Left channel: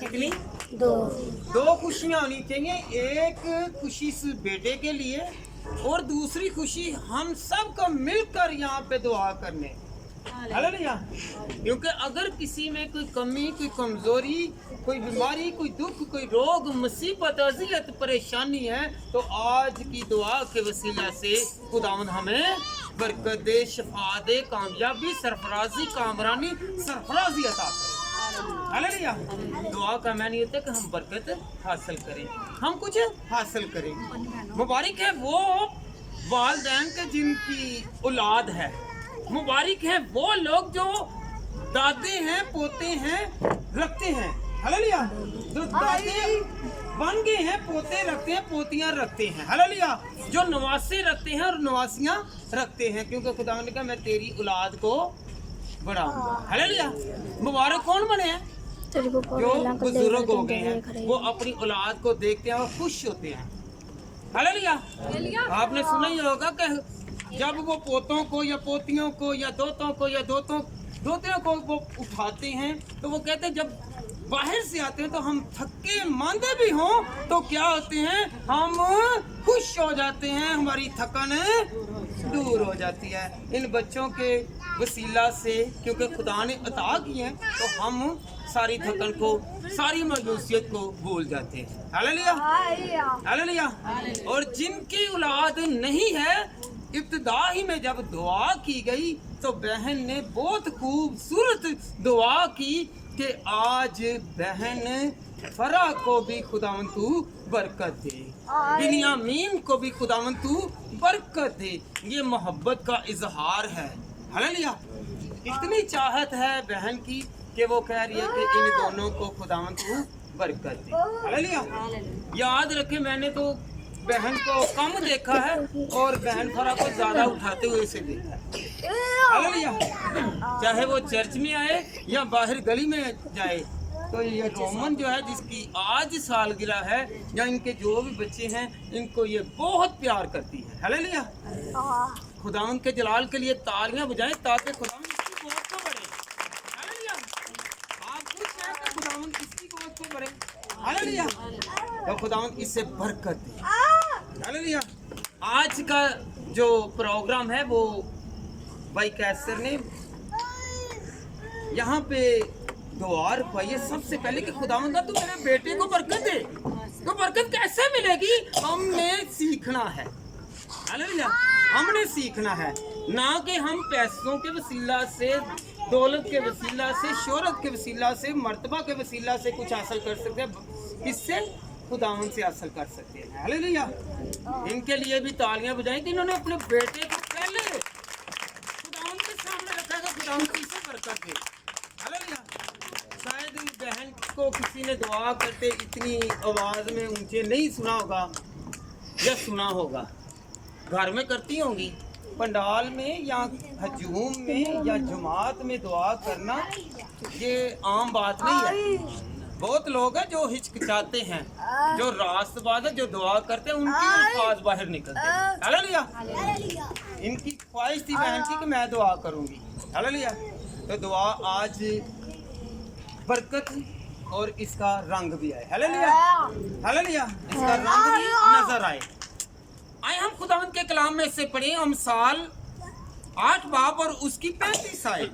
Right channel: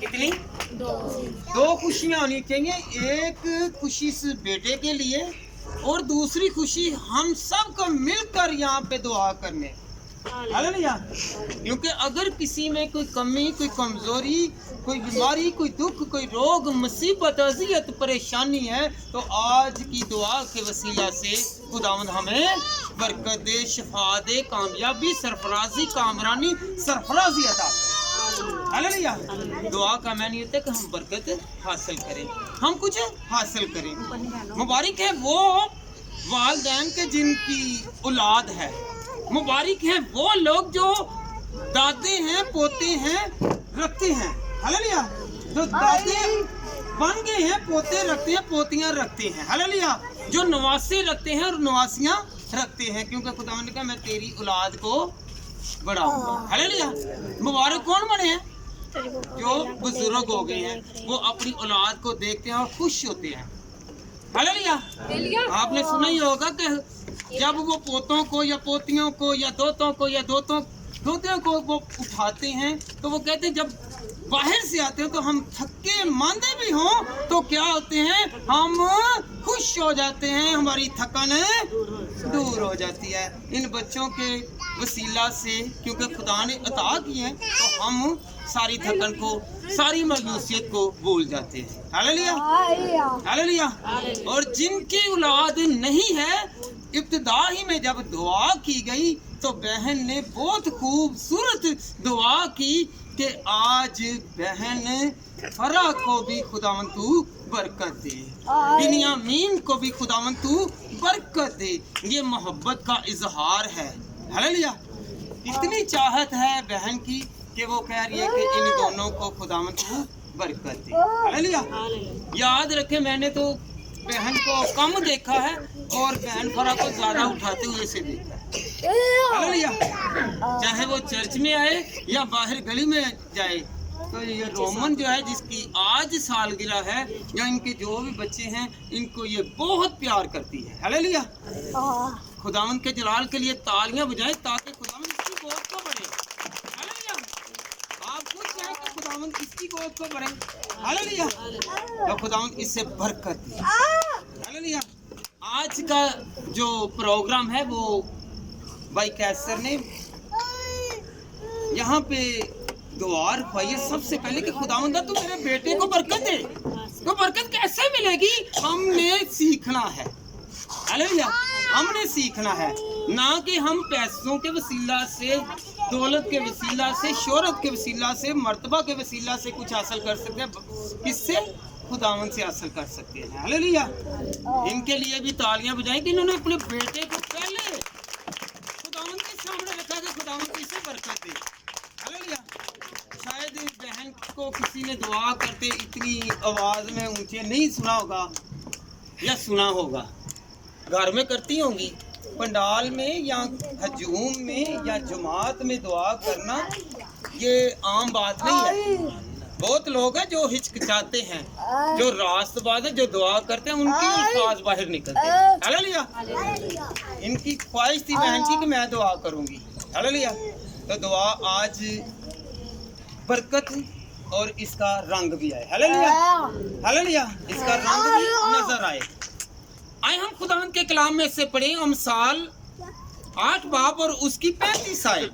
कितनी? दो खुशियाँ होनी चाहिए। एक खुशी इस बेटे के लिए और दूसरी खुशी हम सब को मिलकर यहाँ पे दुआ करने। हालेलुया। क्योंकि अगर किसी में कोई कमी, कोई कमजोरी, कोई बीमारी, कोई दुख, कोई रोग, मुसीबत, अज़ियत, परेशानी है, तो आज की दुआ के वसीला से खुदावंद हमें बरकत दे, शफा दे, कामयाबी, सरफराजी, कामरानी, सरफराजी अता करे। हालेलुया। दुआ का मैंने होता है कि हम बरकत हासिल करें, हम कुछ हासिल करें। मुबारक है वो वालिदैन के जिनकी औलाद है, मुबारक हैं वो लोग जो दादे हैं, पोते हैं, रखते हैं। हालेलुया। जो दादे बन गए हैं, पोते रखते हैं, पोतियां रखते हैं। हालेलुया। जो नवासे रखते हैं और नवासियां रखते हैं, क्योंकि खुदा ने कहा मैं तेरी औलाद को बढ़ाऊंगा। हालेलुया। मुबारक कौन बने हैं? जो बुजुर्ग हो गए हैं, वो अपनी औलाद को देखते हैं और खुश होते हैं। हालेलुया। आपने सुना ही होगा कि जब वो पोतों को या पोतियों को या दोतों को या दोतियों को वो उठाते हैं, तो वो कहते हैं जब बाहर से आते हैं तो हम थके मांदे भी हों तो क्या होते हैं, हम खुश हो जाते हैं, हमारी थकान दूर हो जाती है इन बच्चों के वसीला से। क्योंकि खुदा ने अता की है तो हम सारी थकन को, सारी मायूसियत को भूल जाते हैं। हालेलुया। हालेलुया। और जिनकी औलाद नहीं है, इब्तिदा ही में जब दुआ की गई तो बहन ने बहुत खूबसूरत दुआ की कि आज बहन फरा को भी खुदावन तू बरकत दे, बिन्यामीन को भी खुदावन तू बरकत दे। ये मोहब्बत का इजहार है। हालेलुया। इतनी चाहत है बहन की कि वो कह रही है कि इन दोनों को खुदावन तू बरकत दे। हालेलुया। याद रखे, मैंने तो बहन को कम देखा है और बहन फरा को ज्यादा उठाते हुए से देखा है। हालेलुया। चाहे वो चर्च में आए या बाहर गली में जाए, तो ये रोमन जो है जिसकी आज सालगिरह है, या इनके जो भी बच्चे हैं, इनको ये बहुत प्यार करती है। हालेलुया। खुदावंद के जलाल के लिए तालियां बजाएं ताकि खुदावंद इसकी गोद को बढ़े। हालेलुया। आप कुछ कहें कि खुदावंद इसकी गोद को बढ़े। हालेलुया। तो खुदावंद इससे बरकत दे। हालेलुया। आज का जो प्रोग्राम है वो भाई कैसर ने यहाँ पे दुआ रखवाई है सबसे पहले कि खुदावंद तू मेरे बेटे को बरकत दे। तो बरकत कैसे मिलेगी? हमने सीखना है। हालेलुया। हमने सीखना है, ना कि हम पैसों के वसीला से, दौलत के वसीला से, शोहरत के वसीला से, मर्तबा के वसीला से कुछ हासिल कर सकते हैं। किससे? खुदावंद से हासिल कर सकते हैं। हालेलुया। इनके लिए भी तालियां बजाएं कि इन्होंने अपने बेटे को पहले खुदावंद के सामने रखा है, खुदावंद इसे बरकत दे। हालेलुया। शायद बहन को किसी ने दुआ करते इतनी आवाज में ऊंचे नहीं सुना होगा, या सुना होगा, घर में करती होंगी, पंडाल में या हजूम में या जमात में दुआ करना ये आम बात नहीं है। बहुत लोग हैं जो हिचकिचाते हैं, जो रास्तबाज है, जो दुआ करते हैं, उनकी अल्फाज बाहर निकलते हैं। हालेलुया। इनकी ख्वाहिश थी बहन की कि मैं दुआ करूंगी। हालेलुया। तो दुआ आज बरकत और इसका रंग भी आए। हालेलुया। हालेलुया। इसका रंग भी नजर आए। आए हम खुदावंद के कलाम में से पढ़े अमसाल 8 बाब और उसकी 35 आयत।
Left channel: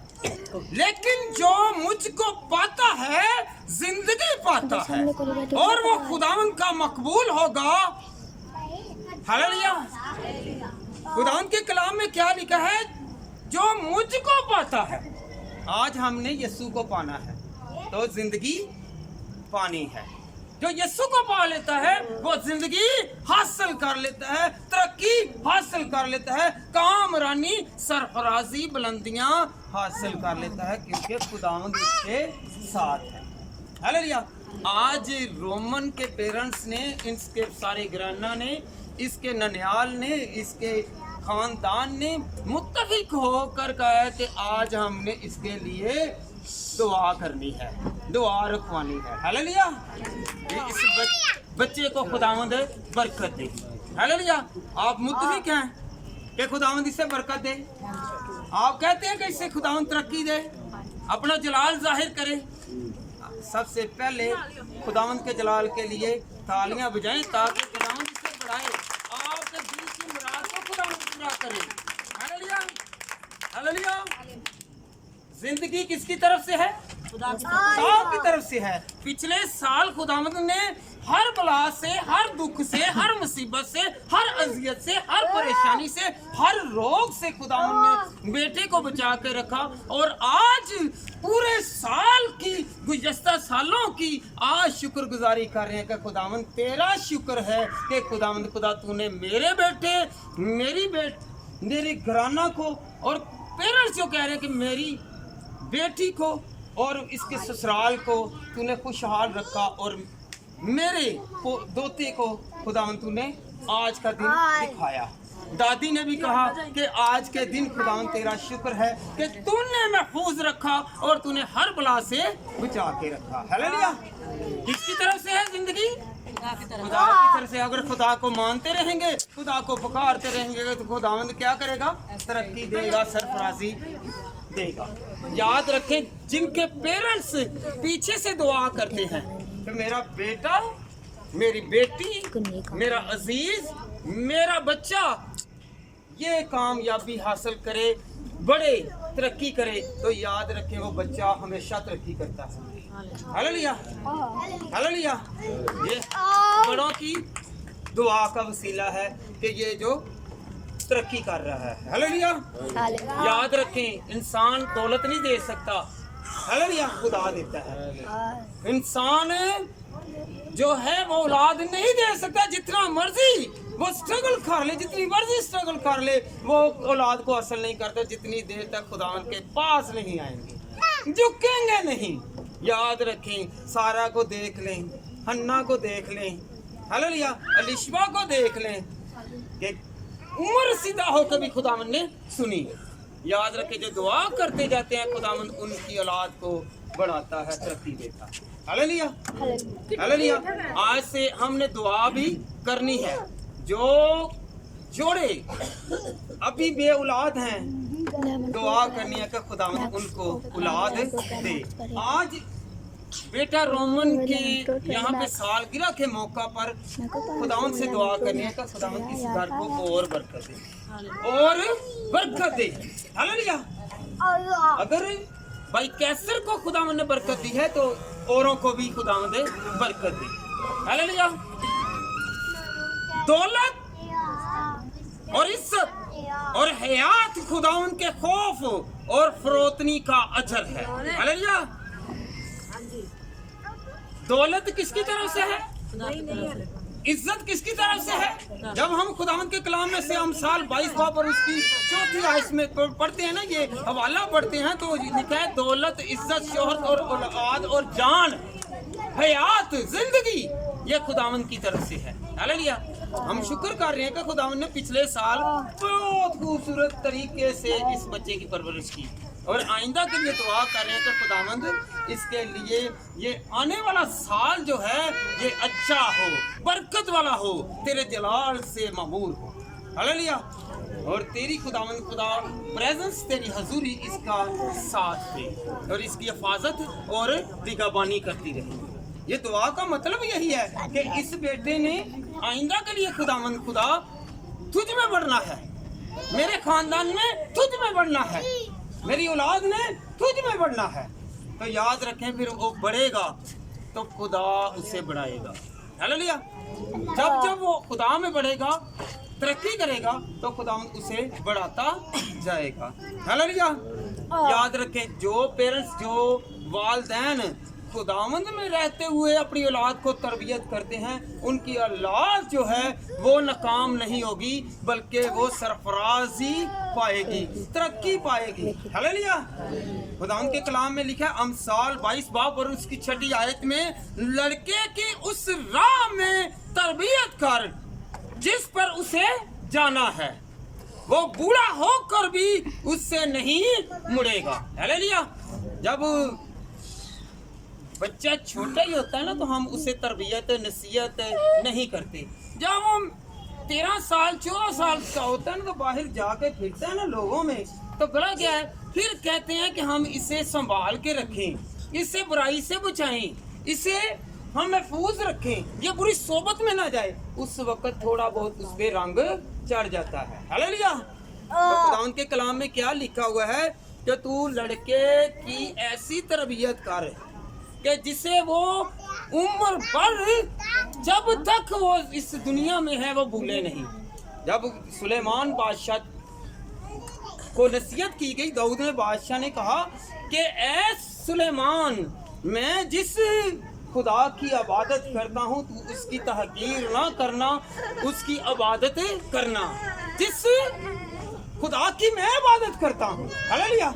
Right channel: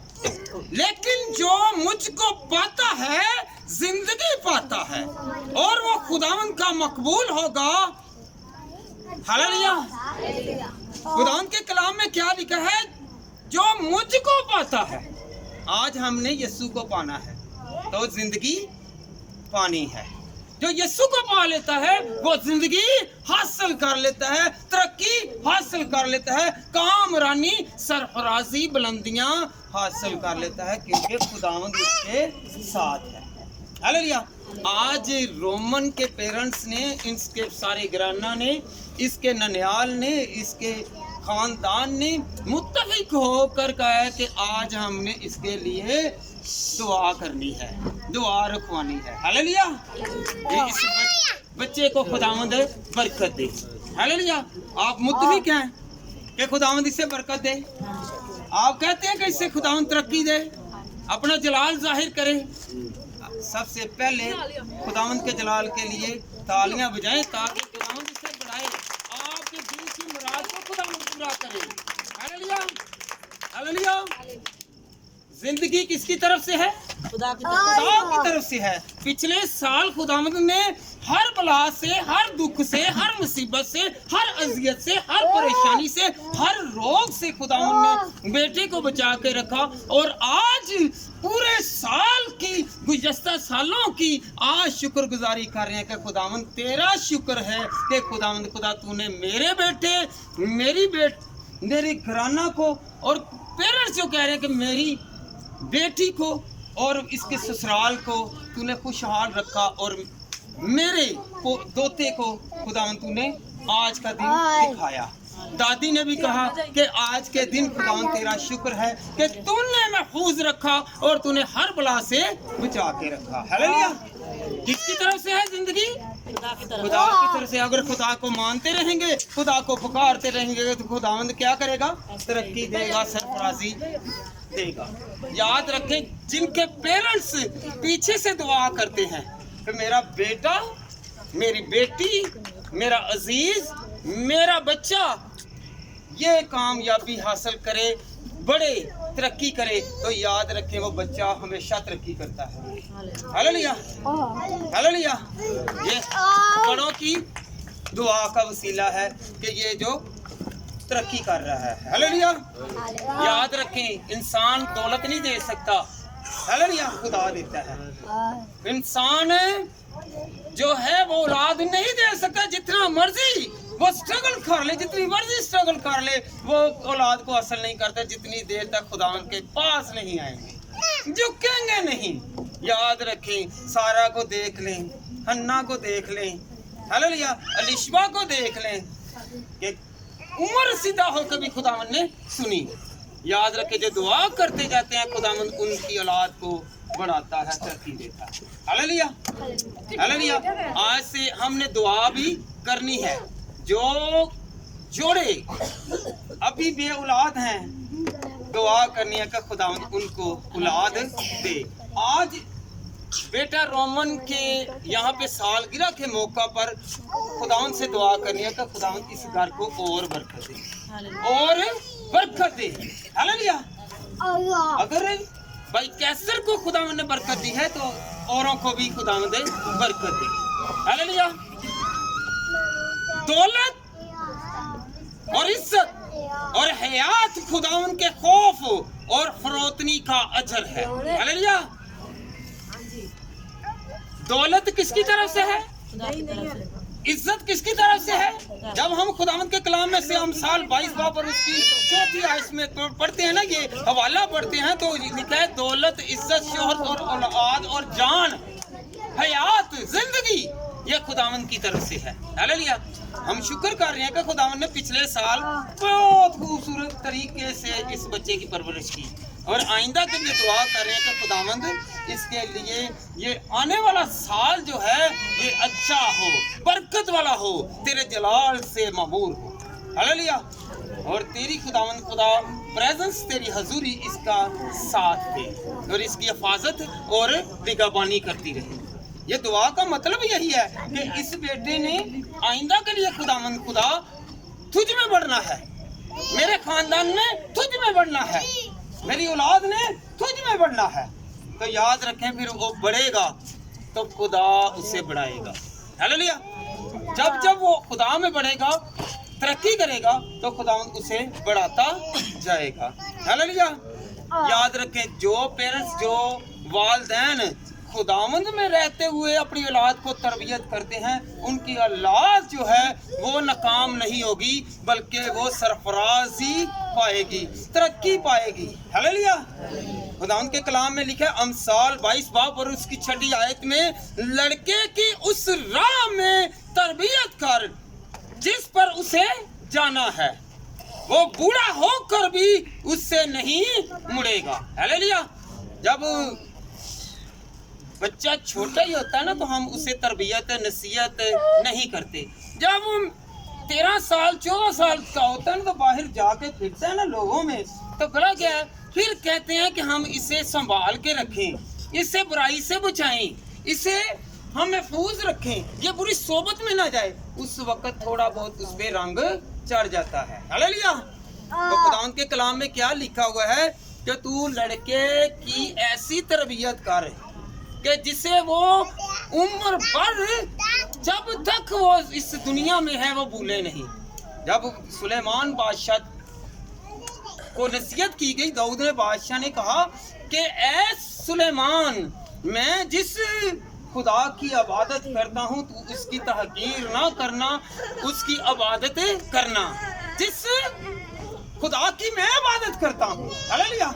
लेकिन जो मुझको पाता है जिंदगी पाता है और वो खुदावंद का मकबूल होगा। हालेलुया। खुदावंद के कलाम में क्या लिखा है? जो मुझको पाता है। आज हमने यीशु को पाना है तो जिंदगी पानी है। जो यीशु को पा लेता है वो जिंदगी हासिल कर लेता है, तरक्की हासिल कर लेता है, कामरानी, सरफराजी, बुलंदियां हासिल कर लेता है, क्योंकि खुदावंद उसके साथ है। हालेलुया। आज रोमन के पेरेंट्स ने, इसके सारे घराना ने, इसके ननियाल ने, इसके खानदान ने मुत्तफिक होकर कहा है कि आज हमने इसके लिए दुआ करनी है, दुआ रखवानी है। हालेलुया। ये इस बच्चे को खुदावंद बरकत दे। हालेलुया। आप मुत्तफिक हैं कि खुदावंद इसे बरकत दे? आप कहते हैं कि इससे खुदावंद तरक्की दे, अपना जलाल जाहिर करे, सबसे पहले खुदावंद के जलाल के लिए तालियां बजाएं ताकि खुदावंद इसे बढ़ाए, आपके दिल की मुराद को खुदावंद पूरा करे। Hallelujah, hallelujah. जिंदगी किसकी तरफ से है? खुदा की तरफ से है। पिछले साल खुदावंद ने हर बला से, हर दुख से, हर मुसीबत से, हर अजियत से, हर परेशानी से, हर रोग से खुदावंद ने बेटे को बचा के रखा। और आज पूरे साल की, गुज़श्ता सालों की आज शुक्रगुजारी कर रहे हैं कि खुदावंद तेरा शुक्र है कि खुदावंद खुदा तूने मेरे बेटे, मेरी घराना को और पेरेंट्स जो कह रहे हैं कि मेरी बेटी को और इसके ससुराल को तूने खुशहाल रखा, और मेरे दोते को खुदावंद तूने आज का दिन दिखाया। दादी ने भी कहा कि आज के दिन खुदावंद तेरा शुक्र है कि तूने महफूज रखा और तूने हर बला से बचा के रखा। हालेलुया। किसकी तरफ से है जिंदगी? खुदा की तरफ से। अगर खुदा को मानते रहेंगे, खुदा को पुकारते रहेंगे तो खुदावंद क्या करेगा? तरक्की देगा, सरफराजी देगा। याद रखें, जिनके पेरेंट्स पीछे से दुआ करते हैं कि मेरा बेटा, मेरी बेटी, मेरा अजीज, मेरा बच्चा ये कामयाबी हासिल करे, बड़े तरक्की करे, तो याद रखें वो बच्चा हमेशा तरक्की करता है। Hallelujah, hallelujah. ये बड़ों की दुआ का वसीला है कि ये जो तरक्की कर रहा है। हालेलुया। याद रखें, इंसान दौलत नहीं दे सकता, हालेलुया, खुदा देता है। इंसान जो है वो औलाद नहीं दे सकता। जितना मर्जी वो स्ट्रगल कर ले, जितनी मर्जी स्ट्रगल कर ले, वो औलाद को हासिल नहीं करता जितनी देर तक खुदा के पास नहीं आएंगे, झुकेंगे नहीं। याद रखें, सारा को देख लें, हन्ना को देख लें, हालेलुया, अलिशबा को देख लें कि उम्र सीधा होकर भी खुदावंद ने सुनी। याद रखें, जो दुआ करते जाते हैं खुदावंद उनकी औलाद को बढ़ाता है, तरक्की देता है। Hallelujah, hallelujah. आज से हमने दुआ भी करनी है। जो जोड़े अभी बे औलाद हैं, दुआ करनी है कि खुदावंद उनको औलाद दे। आज बेटा रोमन के यहाँ पे सालगिरह के मौका पर खुदावंद से दुआ करनी है कि खुदावंद इस घर को और बरकत दे, और बरकत दे। हालेलुया। अगर भाई कैसर को खुदावंद ने बरकत दी है तो औरों को भी खुदावंद बरकत दे। हालेलुया। दौलत और इज्जत और हयात खुदावंद के खौफ और फरोतनी का अजर है। हालेलुया। दौलत किसकी तरफ से है? इज्जत किसकी तरफ से है? जब हम खुदावंद के कलाम में से हम साल 22 बाब और उसकी 4थी आयत में पढ़ते हैं ना, ये हवाला पढ़ते हैं, तो लिखा है दौलत, इज्जत, शोहरत और औलाद और जान, हयात, जिंदगी, ये खुदावंद की तरफ से है। हालेलुया। हम शुक्र कर रहे हैं कि खुदावंद ने पिछले साल बहुत खूबसूरत तरीके से इस बच्चे की परवरिश की, और आइंदा के लिए दुआ कर रहे हैं कि खुदावंद इसके लिए ये आने वाला साल जो है ये अच्छा हो, बरकत वाला हो, तेरे जलाल से मामूर हो। हालेलुया। और तेरी खुदावंद खुदा प्रेजेंस, तेरी हजूरी इसका साथ दे और इसकी हिफाजत और निगहबानी करती रहे। ये दुआ का मतलब यही है कि इस बेटे ने आइंदा के लिए खुदावंद खुदा तुझ में बढ़ना है, मेरे खानदान में तुझ में बढ़ना है, मेरी औलाद ने तुझ में बढ़ना है। तो याद रखें, फिर वो बढ़ेगा तो खुदा उसे बढ़ाएगा। हालेलुया। जब जब वो खुदा में बढ़ेगा, तरक्की करेगा, तो खुदा उसे बढ़ाता जाएगा। हालेलुया। याद रखें, जो पेरेंट्स, जो वालिदैन खुदावंद में रहते हुए अपनी औलाद को तरबियत करते हैं, उनकी औलाद जो है वो नाकाम नहीं होगी, बल्कि वो सरफराजी पाएगी, तरक्की पाएगी। हालेलुया। खुदावंद के कलाम में लिखा है अमसाल 22 बाब और उसकी 6ठी आयत में, लड़के की उस राह में तरबियत कर जिस पर उसे जाना है, वो बूढ़ा होकर भी उससे नहीं मुड़ेगा। हालेलुया। जब बच्चा छोटा ही होता है ना, तो हम उसे तरबियत, नसीहत नहीं करते। जब वो 13 साल 14 साल का होता है ना, तो बाहर जाके फिरता है ना लोगों में, तो गला क्या है, फिर कहते हैं कि हम इसे संभाल के रखें, इसे बुराई से बचाएं, इसे हम महफूज रखें, ये बुरी सोबत में ना जाए, उस वक्त थोड़ा बहुत उस पे रंग चढ़ जाता है। हालेलुया। तो खुदा के कलाम में क्या लिखा हुआ है कि तू लड़के की ऐसी तरबियत कर कि जिसे वो उम्र भर जब तक वो इस दुनिया में है वो भूले नहीं। जब सुलेमान बादशाह को नसीहत की गई, दाऊद ने बादशाह ने कहा कि ऐ सुलेमान, मैं जिस खुदा की इबादत करता हूँ तू उसकी तहकीर ना करना, उसकी इबादत करना जिस खुदा की मैं इबादत करता हूँ। हालेलुया।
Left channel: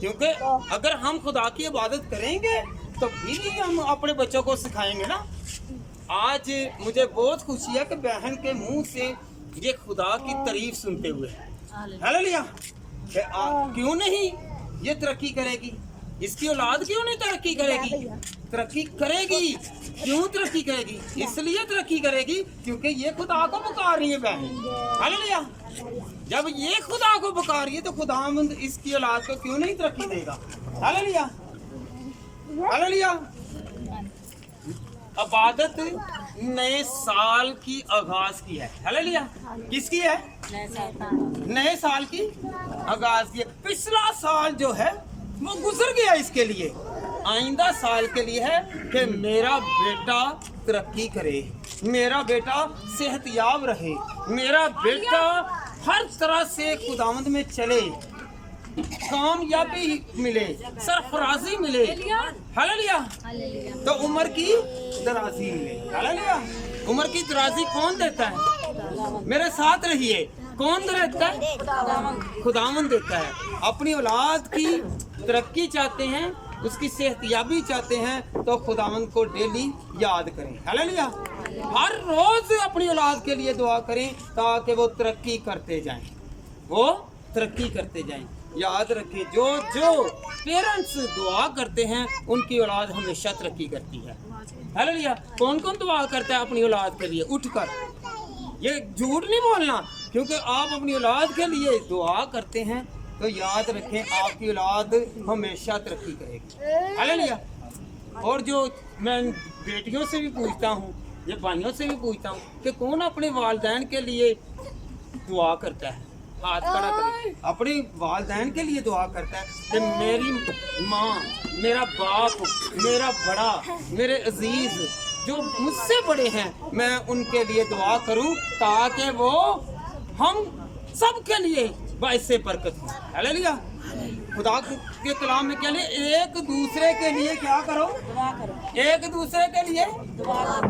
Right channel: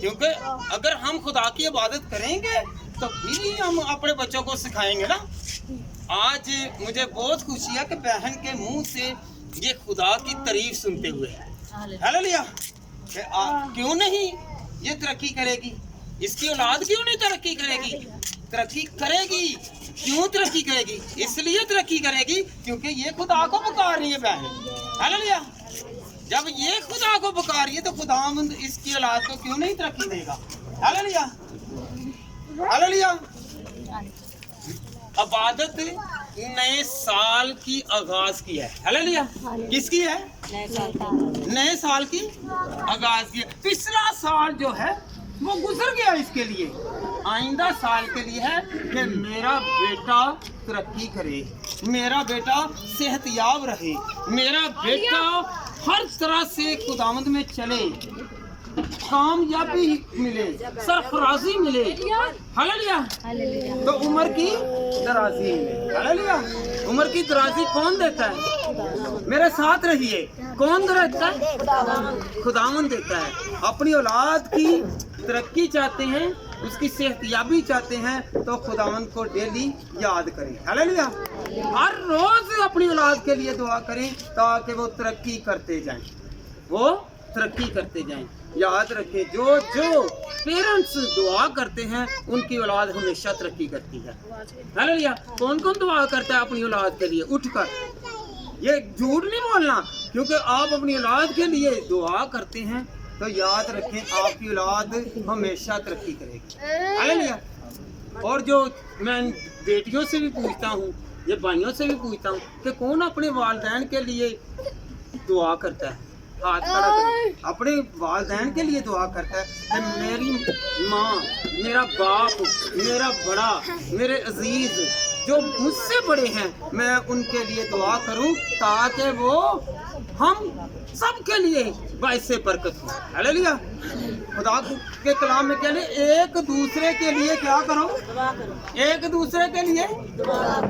क्योंकि अगर हम खुदा की इबादत करेंगे तो भी हम अपने बच्चों को सिखाएंगे ना। आज मुझे बहुत खुशी है कि बहन के मुंह से ये खुदा की तारीफ सुनते हुए। हालेलुया। क्यों नहीं ये तरक्की करेगी, इसकी औलाद क्यों नहीं तरक्की करेगी? तरक्की करेगी। क्यों तरक्की करेगी? इसलिए तरक्की करेगी क्योंकि ये खुदा को पुकार रही है बहन। हालेलुया। जब ये खुदा को पुकार रही है तो खुदावंद इसकी औलाद को क्यों नहीं तरक्की देगा? हालेलुया। हालेलुया। इबादत नए साल की आगाज की है। हालेलुया। किसकी है? नए साल की आगाज की है। पिछला साल जो है वो गुजर गया, इसके लिए आइंदा साल के लिए है कि मेरा बेटा तरक्की करे, मेरा बेटा सेहतयाब रहे, मेरा बेटा हर तरह से खुदावंद में चले, कामयाबी मिले, सरफराजी मिले। हालेलुया। तो उम्र की दराजी मिले। हालेलुया। उम्र की दराजी कौन देता है? मेरे साथ रहिए। कौन देता है? खुदावंद देता है। अपनी औलाद की तरक्की चाहते हैं, उसकी सेहतयाबी चाहते हैं तो खुदावंद को डेली याद करें। हालेलुया। हर रोज अपनी औलाद के लिए दुआ करें ताकि वो तरक्की करते जाएं, वो तरक्की करते जाएं। याद रखें, जो जो पेरेंट्स दुआ करते हैं उनकी औलाद हमेशा तरक्की करती है। हालेलुया। कौन कौन दुआ करता है अपनी औलाद के लिए? उठकर, ये झूठ नहीं बोलना, क्योंकि आप अपनी औलाद के लिए दुआ करते हैं तो याद रखें आपकी औलाद हमेशा तरक्की करेगी। हालेलुया। और जो मैं बेटियों से भी पूछता हूँ, ये भाइयों से भी पूछता हूँ कि कौन अपने वालिदैन के लिए दुआ करता है? हाथ खड़ा करें। अपने वालिदैन के लिए दुआ करता है कि मेरी माँ, मेरा बाप, मेरा बड़ा, मेरे अजीज जो मुझसे बड़े हैं, मैं उनके लिए दुआ करूं ताकि वो हम सब के लिए बाइसे बरकत हो। हालेलुया। खुदा के कलाम में कहने एक दूसरे के लिए क्या करो? एक दूसरे के लिए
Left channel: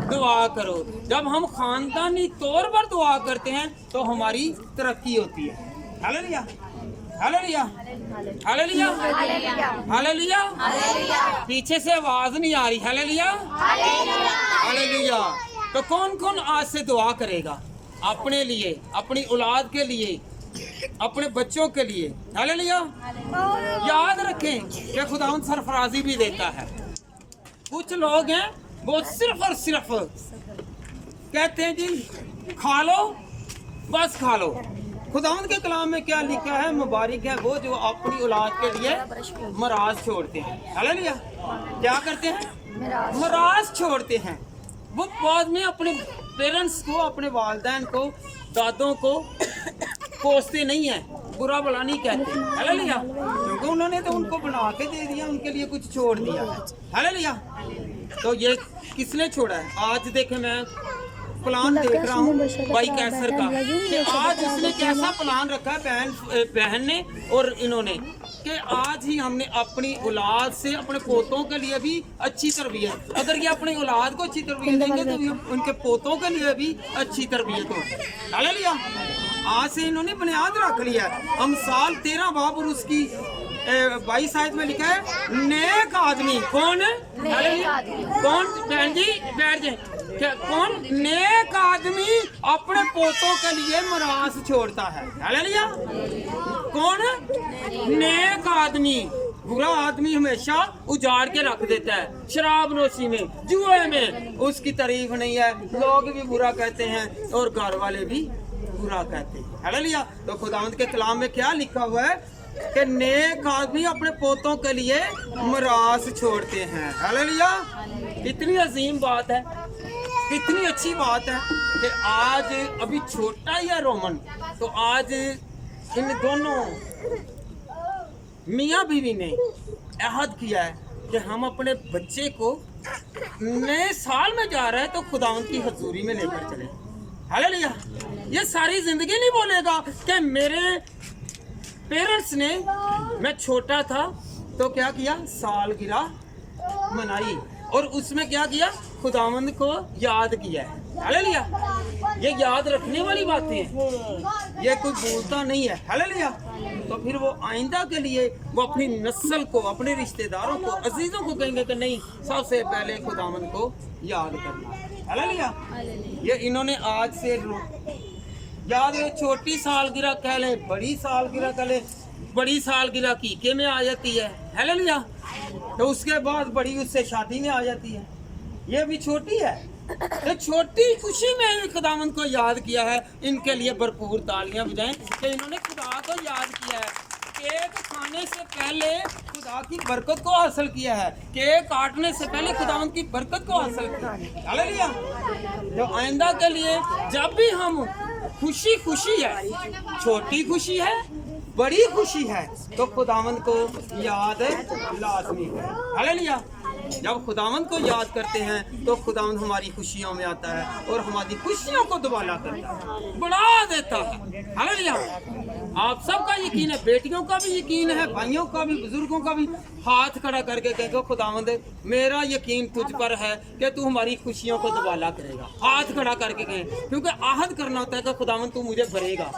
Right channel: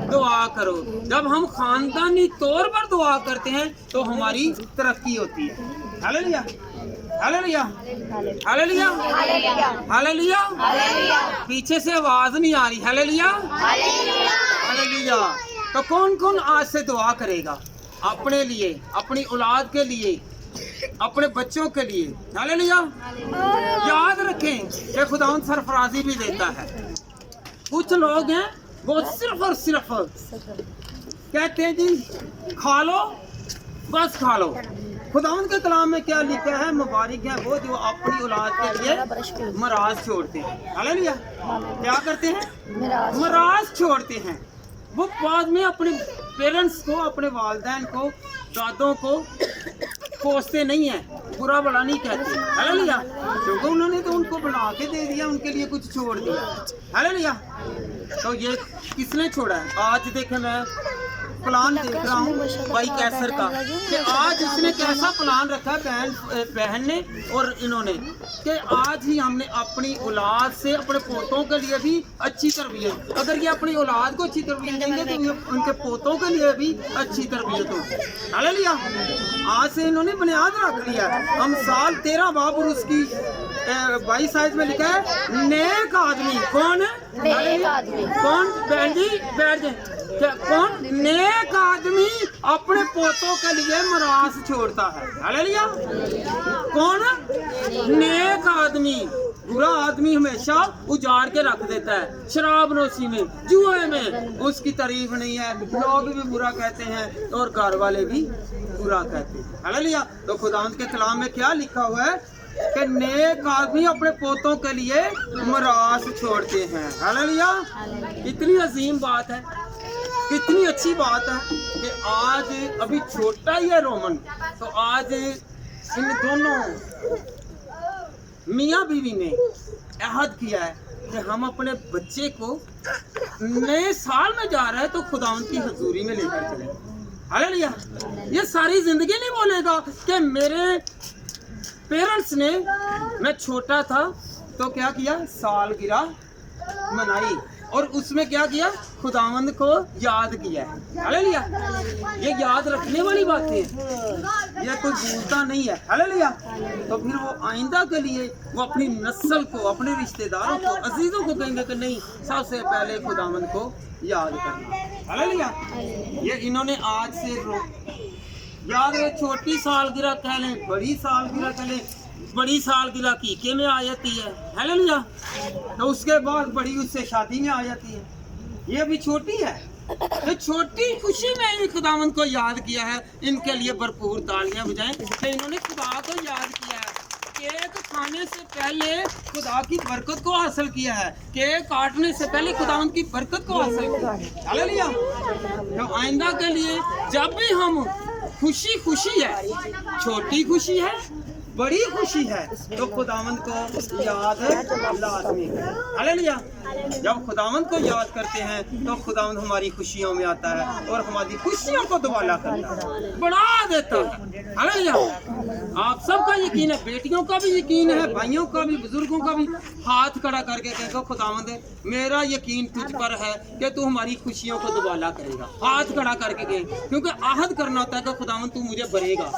दुआ करो। जब हम खानदानी तौर पर दुआ करते हैं तो हमारी तरक्की होती है। हालेलुया। हालेलुया। हालेलुया। हालेलुया। पीछे से आवाज नहीं आ रही। हालेलुया। हालेलुया। तो कौन कौन आज से दुआ करेगा अपने लिए, अपनी औलाद के लिए, अपने बच्चों के लिए? हालेलुया। याद रखें कि खुदावंद सरफराजी भी देता है। कुछ लोग हैं वो सिर्फ और सिर्फ कहते हैं जी खा लो, बस खा लो। खुदावंद के कलाम में क्या लिखा है? मुबारक है वो जो अपनी औलाद के लिए मराज छोड़ते हैं। हालेलुया। क्या करते हैं? मराज छोड़ते हैं। वो बाद में अपने पेरेंट्स को, अपने वालिदैन को, दादों को कोसते नहीं है, बुरा भला नहीं कहते। हालेलुया। क्योंकि उन्होंने तो उनको बना के दे दिया, उनके लिए कुछ छोड़ दिया। हालेलुया। तो ये किसने छोड़ा है? आज देखे मैं प्लान देख रहा हूँ भाई कैसर का कि आज इसने कैसा प्लान रखा है बहन ने और इन्होंने कि आज ही हमने अपनी औलाद से अपने पोतों के लिए भी अच्छी तरबियत, अगर ये अपनी औलाद को अच्छी तरबियत देंगे तो ये उनके पोतों के लिए भी अच्छी तरबियत होगी। हालेलुया। आज से इन्होंने बुनियाद रख लिया। हम साल 13 बाब और उसकी 22 आयत में लिखा है नेक आदमी। कौन है? कौन? बहन जी बैठ जाए। कौन? नेक आदमी अपने पोतों के लिए मरास छोड़ता है। हालेलुया। कौन? नेक आदमी। बुरा आदमी हमेशा उजाड़ के रख देता है, शराब नोशी में, जुए में उसकी तारीफ नहीं है, लोग भी बुरा कहते हैं और घर वाले भी बुरा कहते हैं। हालेलुया। तो खुदावंद के कलाम में क्या लिखा हुआ है कि नेक आदमी अपने पोतों के लिए मिरास छोड़ते हैं। हालेलुया। कितनी अजीम बात है, कितनी अच्छी बात है कि आज अभी छोटा ही है रोमन, तो आज इन दोनों मियाँ बीवी ने अहद किया है कि हम अपने बच्चे को नए साल में जा रहे हैं तो खुदावंद की हजूरी में लेकर चले। हालेलुया। ये सारी जिंदगी नहीं बोलेगा कि मेरे पेरेंट्स ने, मैं छोटा था तो क्या किया, सालगिरह मनाई और उसमें क्या किया, खुदावंद को याद किया है। हालेलुया। ये याद रखने वाली बातें हैं, ये कोई भूलता नहीं है। हालेलुया। तो फिर वो आइंदा के लिए वो अपनी नस्ल को, अपने रिश्तेदारों को, अजीजों को कहेंगे कि नहीं, सबसे पहले खुदावंद को याद करना। हालेलुया। ये इन्होंने आज से याद रहे, छोटी सालगिरह कह लें, बड़ी सालगिरह कह लें, बड़ी सालगिरह कीके में आ जाती है। हालेलुया। तो उसके बाद बड़ी उससे शादी में आ जाती है। ये भी छोटी है, तो छोटी खुशी में खुदावंद को याद किया है। इनके लिए भरपूर तालियां बजाएं कि इन्होंने खुदा को याद किया है। केक खाने से पहले खुदा की बरकत को हासिल किया है, केक काटने से पहले खुदावंद की बरकत को हासिल किया है। हालेलुया। तो आइंदा के लिए जब भी हम खुशी खुशी है, छोटी खुशी है, बड़ी खुशी है, तो खुदावंद को याद लाजमी है। हालेलुया। जब खुदावंद को याद करते हैं तो खुदावंद हमारी खुशियों में आता है और हमारी खुशियों को दुबाला करता है, बढ़ा देता है। हालेलुया। आप सबका यकीन है, बेटियों का भी यकीन है, भाइयों का भी, बुजुर्गों का भी। हाथ खड़ा करके कहेगा, खुदावंद मेरा यकीन तुझ पर है कि तू हमारी खुशियों को दुबाला करेगा। हाथ खड़ा करके कहे, क्योंकि आहद करना होता है कि खुदावंद तू मुझे भरेगा,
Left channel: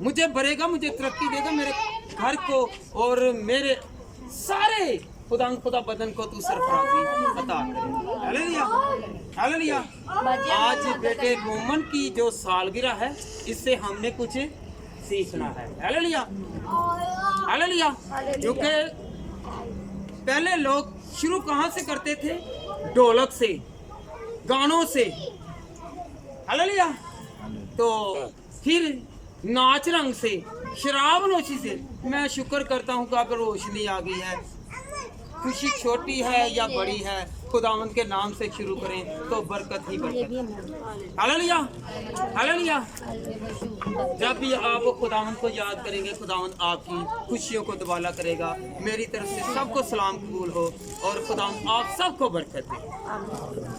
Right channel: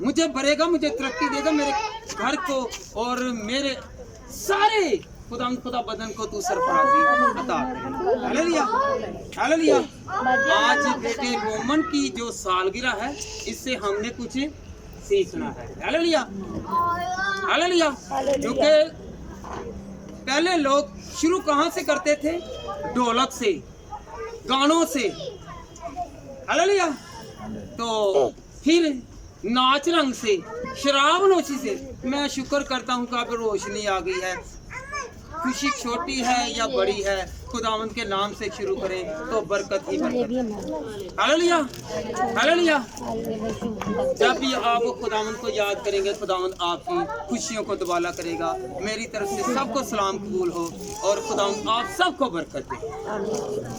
मुझे भरेगा, मुझे तरक्की देगा, मेरे घर को और मेरे सारे खुदा बदन को तू सरफराजी अता करे। हालेलुया। हालेलुया। आज बेटे रोमन की जो सालगिरह है, इससे हमने कुछ सीखना है। हालेलुया। हालेलुया। क्योंकि पहले लोग शुरू कहाँ से करते थे, ढोलक से, गानों से। हालेलुया। तो फिर नाच रंग से, शराब नोशी से। मैं शुक्र करता हूँ कि अब रोशनी आ गई है। खुशी छोटी है या बड़ी है, खुदावंद के नाम से शुरू करें तो बरकत ही बरकत। हालेलुया। हालेलुया। जब भी आप खुदावंद को याद करेंगे, खुदावंद आपकी खुशियों को दुबाला करेगा। मेरी तरफ से सबको सलाम कबूल हो और खुदावंद आप सबको बरकत दे।